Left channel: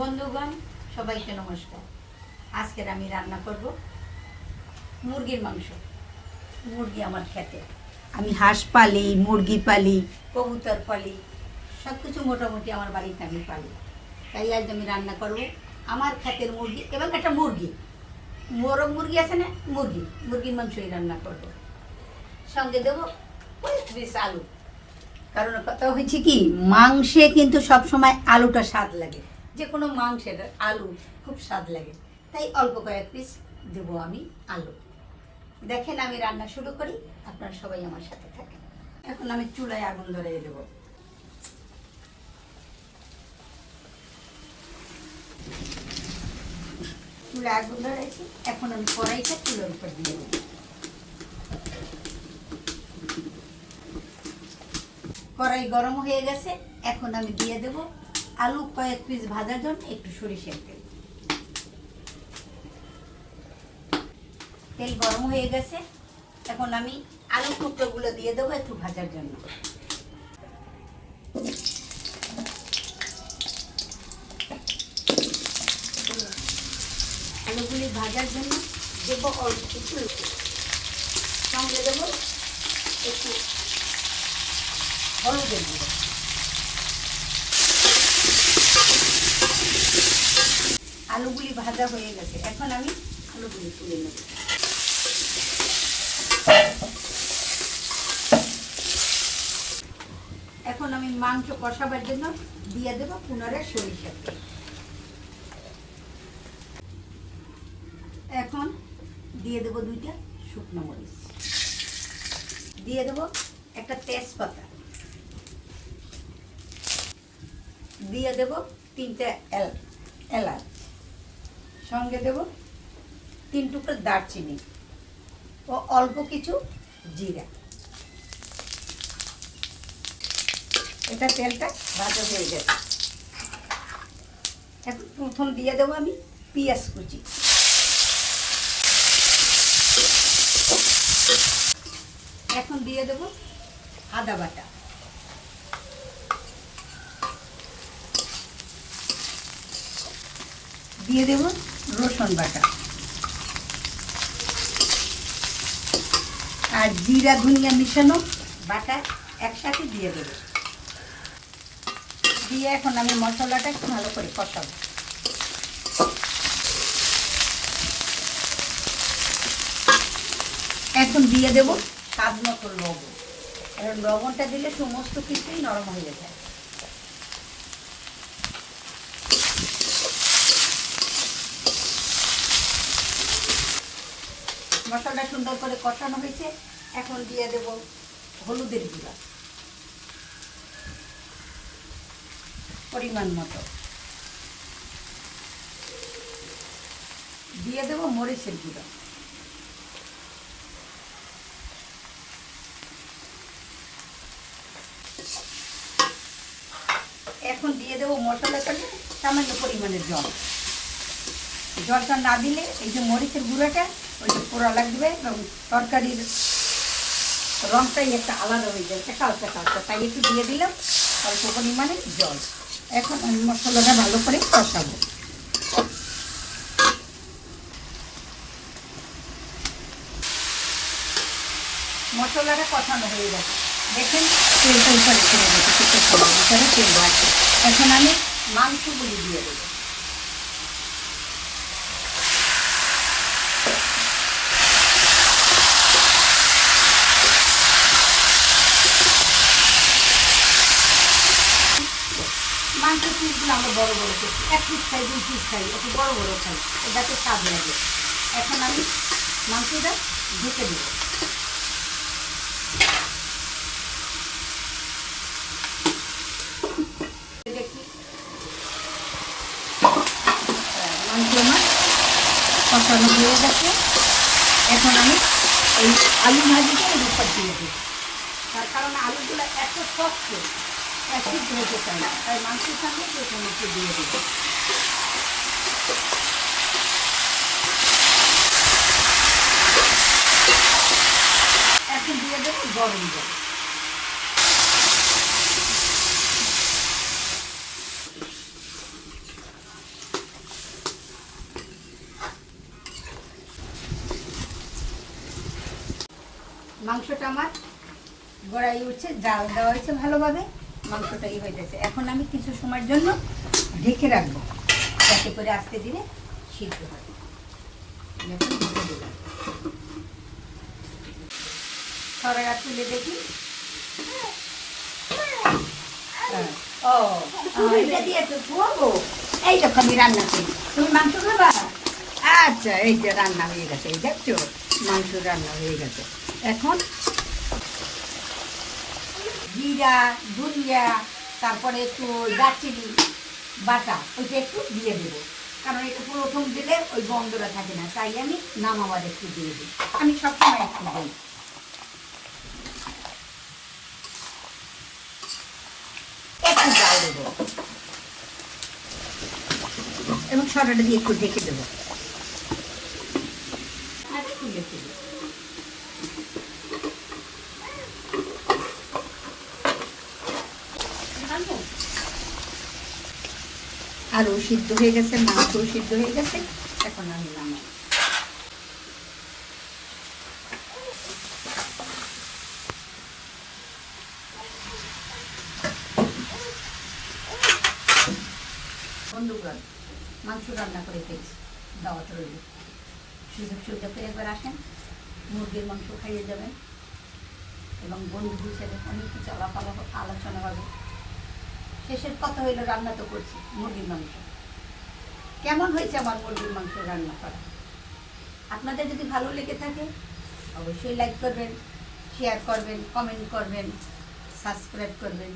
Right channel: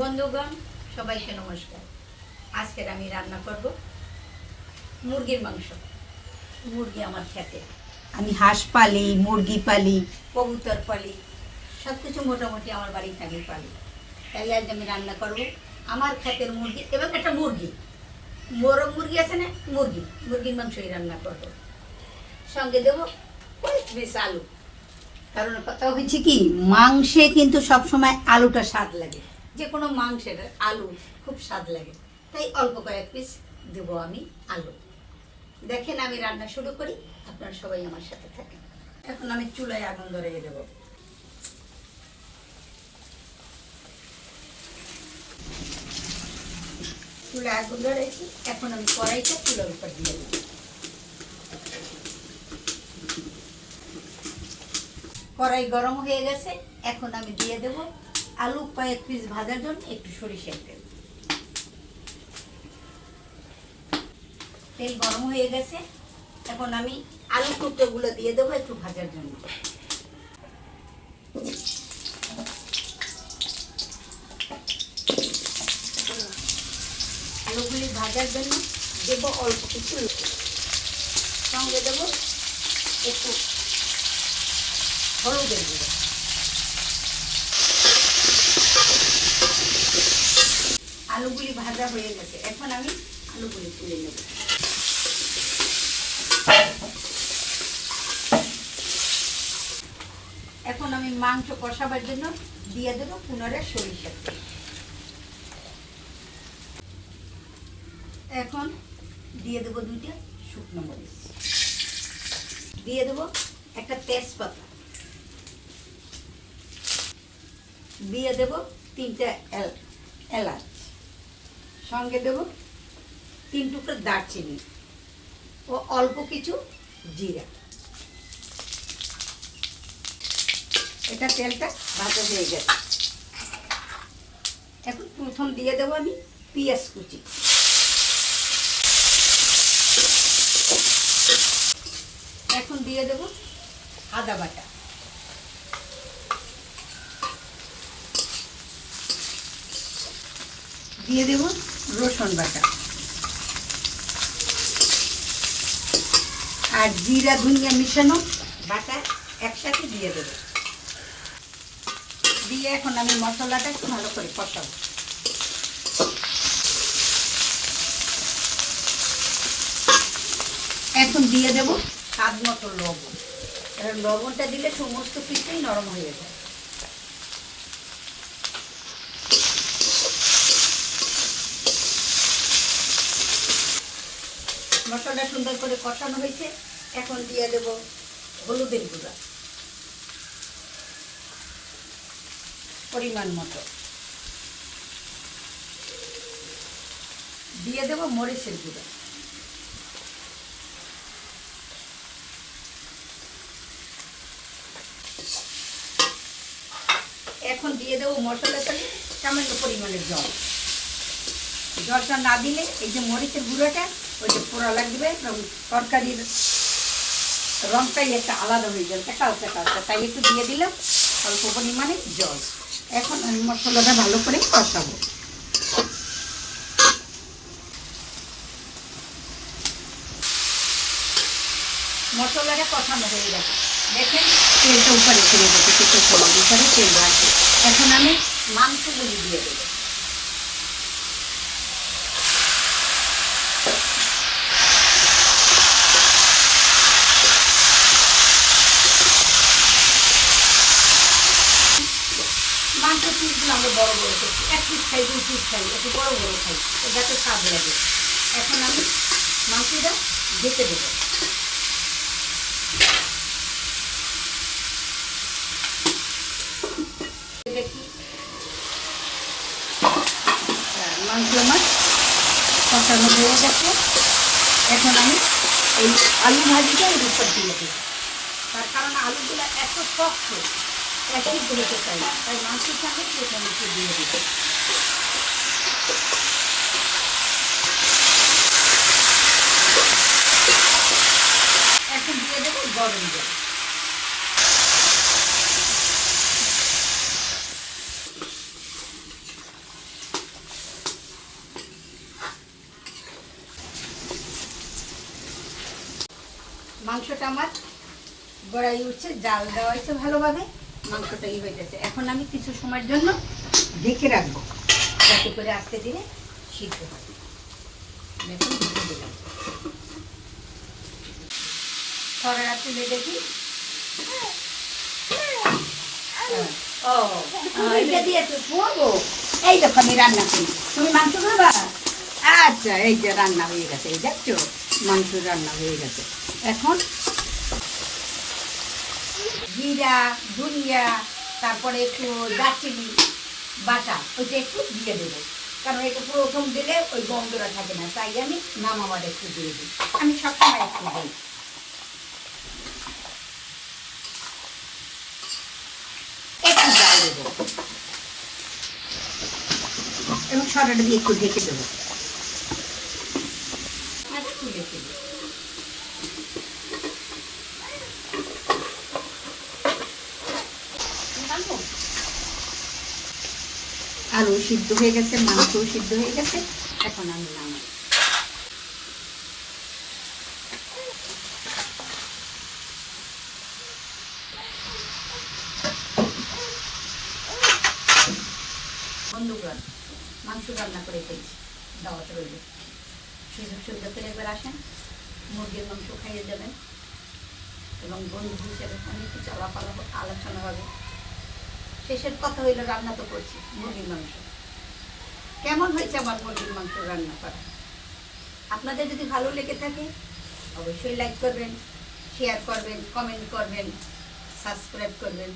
বন্ধুগণ, সবাইকে নমস্কার। আজকের আমি রান্না করব মুরগির মাংস। মুরগি আমার খেতে, আমি হাঁস পালি, মুরগি পালি, কবুতর পালি, সব কিছু মোটামুটি আমার বাড়ি থাকি পালি। তাই আজ আমি রান্না করব আমার ক্ষেতের মুরগি এবং একটা মুরগি, মোরগ মুরগি আছে না, মুরগির মাংসই রান্না করব। সঙ্গে দেবো কয়েক পিস আলু। কারণ কথা হচ্ছে কি, মাংসে কিন্তু সবসময় আলুটা স্বাদ লাগে, যে কোনো মাংসের আলু খুব স্বাদ লাগে। তাই অল্প কয়েক পিস দেবো আমি আলু। দেখেন আমি রান্না শুরু করি, আপনারা সবাই আমার সাথে থাকেন। এখন আমি চুলায় আগুন ধরিয়ে দেবো। চুলায় আগুন ধরেছি, এখন আমি কড়াইটা চুলার উপর দিয়ে দেবো। কড়াই গরম হয়ে গেছে, এখন আমি দিয়ে দেব আলু কয়েক পিস ভাজার জন্য একটু সরিষার তেল। তেল গরম হয়ে গেছে, এখন আমি আলু টুকরোগুলো দিয়ে দেবো একটু ভাজার জন্য। আলুগুলি ভাজার জন্য দেবো অল্প কিছু, সঙ্গে দেবো একটু হলুদের গুঁড়ো। আলুগুলি ভাজা হয়ে গেছে, এখন আমি আলুগুলি তুলে নেব। এখন আমি মাংস কষাবার জন্য দিয়ে দেবো পুনরায় সরিষার তেল। এখন দিয়ে দেবো 2টা শুকনো মরিচ, দিয়ে দেবো একটা তেজপাতা, দিয়ে দেবো 3টা এলাচ, সঙ্গে দেব 3 টুকরো দারচিনি ও অল্প কিছু জিরা। এটা তেলটা ভাজা হয়ে গেছে, এখন প্রথম দিয়ে দেবো আমি পেঁয়াজ কুচি, এখন দিয়ে দেবো আদা বাটা, দিয়ে দেব রসুন বাটা, আর জিরা ধনিয়া মিশানো বাটা একসাথে দিয়ে দেব। দিয়ে এখন আমি মশলাটা একটু ভালো করে কষাবো। এখন দিয়ে দেব স্বাদ মতো লবণ। লবণটা দিলে সমস্ত কিছুই নরম হয়ে যায়। মশলাটা সুন্দর করে কষানো হয়েছে, এখন দিয়ে দেব হলুদের গুঁড়া পরিমাণ মতো, দিয়ে দেব মরিচের গুঁড়া, এখন দিয়ে দেবো মশলাটা সামান্য পরিমাণের জল। জলটা না দিলে এই যে মরিচের গুঁড়োটা ওইটা পোড়া লাগবে এবং তরকারির রঙটাই একটা আলাদা হয়ে যাবে, কালচা কালচা। তাই একটু দিয়ে দিলাম অল্প পরিমাণে জল। এখন আমি মশলাটা ভালো করে কষাবো। মশলাটা কষানো হয়ে গেছে, দেখেন তেলটা উপরে ছেড়ে গেছে, কিছু সময় ভিতরে তেল আছে। এখন আমি মাংসগুলি দিয়ে দেবো। মাংসের পিসগুলো আমরা বড় বড় করছি, 1 পিস খাই, 2 পিস খাই, একটু বড় বড় খাই, যাতে স্বাদ লাগে। এখন আমি মাংসটা ঢেকে দেবো। মাংস আমার কষানো হয়ে গেছে, এখন আমি এই আলু ভাজিটা এর উপর দিয়ে দিই। তার কারণ আলুগুলো এত শক্ত, সিদ্ধ হতে চাই না, তাই মাংসের সঙ্গে প্রথমে একটু দিয়ে দেবো। এখন দিয়ে দেবো গরম জল। মাংসটা আমার গড়াই উঠছে, জাল দেওয়া হয়েছে ভালোভাবে, মাংসটাই হয়ে গেছে। এখন আমি কিছু সময়ের জন্য ঢেকে রাখবো যাতে করে আস্তে ধীরে সিদ্ধ হয়। এখন ঢেকে দিলাম, ছড়াটা তুলে দেখি। এটা দিয়ে তো করবো। এই দেখো আমি রান্না করি, তুমি মাংস খাবা? আচ্ছা, এই যে রান্না হয়ে গেছে, এই দেখছো মাংস রান্না হয়ে গেছে। এখন জিরা, ধনিয়া, তারপরে একটু দারচিনি বাটা, ওইটা একটু দিয়ে দেবো, কারণ এটা প্রথম দিলে ওই গন্ধটা থাকে না, তাই আমি নামাবার একটু দিয়ে দিই। আমি সবসময় একটু দিই। একটু জাল দেবো এবং ছড়াটা দিয়ে একটু ঢেকে দেবো। তুলে তুলে আলু সিদ্ধ হয়ে গেছে, মাংসও সিদ্ধ হয়ে গেছে, এখন আমি নামাই। বন্ধুগণ, মাংস রান্না করে ফেলছি, দাওয়াত রইল। সুযোগ সুবিধা করে একবার আসেন, মুরগির মাংস খাইয়ে যাবেন এবং বন্ধু হিসেবে অনেক কিছু আলোচনা হবে। শেষের কথা হইল, রান্না তো করছি মুরগির মাংস। কেমন হয়েছে আমার মুরগির মাংস রান্না করা? আপনাদের যদি ভালো লেগে থাকে অবশ্যই লাইক করবেন, শেয়ার করবেন, কমেন্ট করবেন, সাবস্ক্রাইব করবেন।